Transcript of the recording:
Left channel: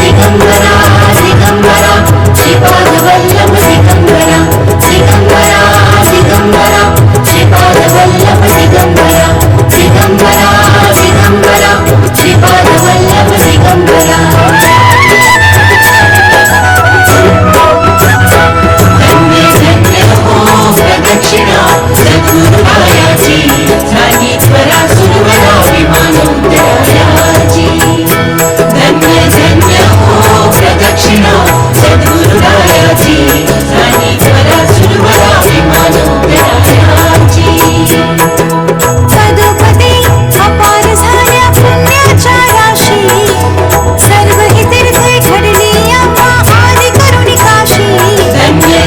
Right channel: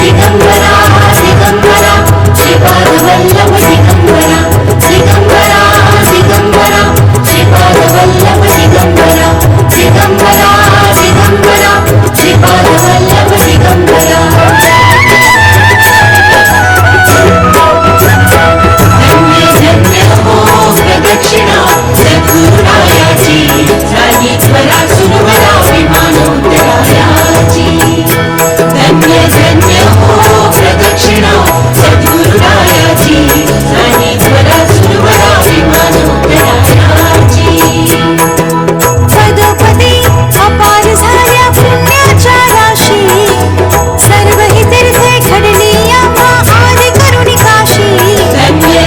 दिगंबरा दिगंबरा श्रीपाद वल्लभ दिगंबरा दिगंबरा दिगंबरा श्रीपाद वल्लभ दिगंबरा दिगंबरा दिगंबरा श्रीपाद वल्लभ दिगंबरा धन्य धन्य हो प्रदक्षिणा सद्गुरुरायाची झाली त्वरा सुरवरा विमान उतरायाची धन्य धन्य हो प्रदक्षिणा सद्गुरुरायाची झाली त्वरा सुरवरा विमान उतरायाची पदोपदी अपार झाल्या पुण्याच्या राशी सर्व ही तीर्थे घडली आम्हा आदि करुणी काशी धन्य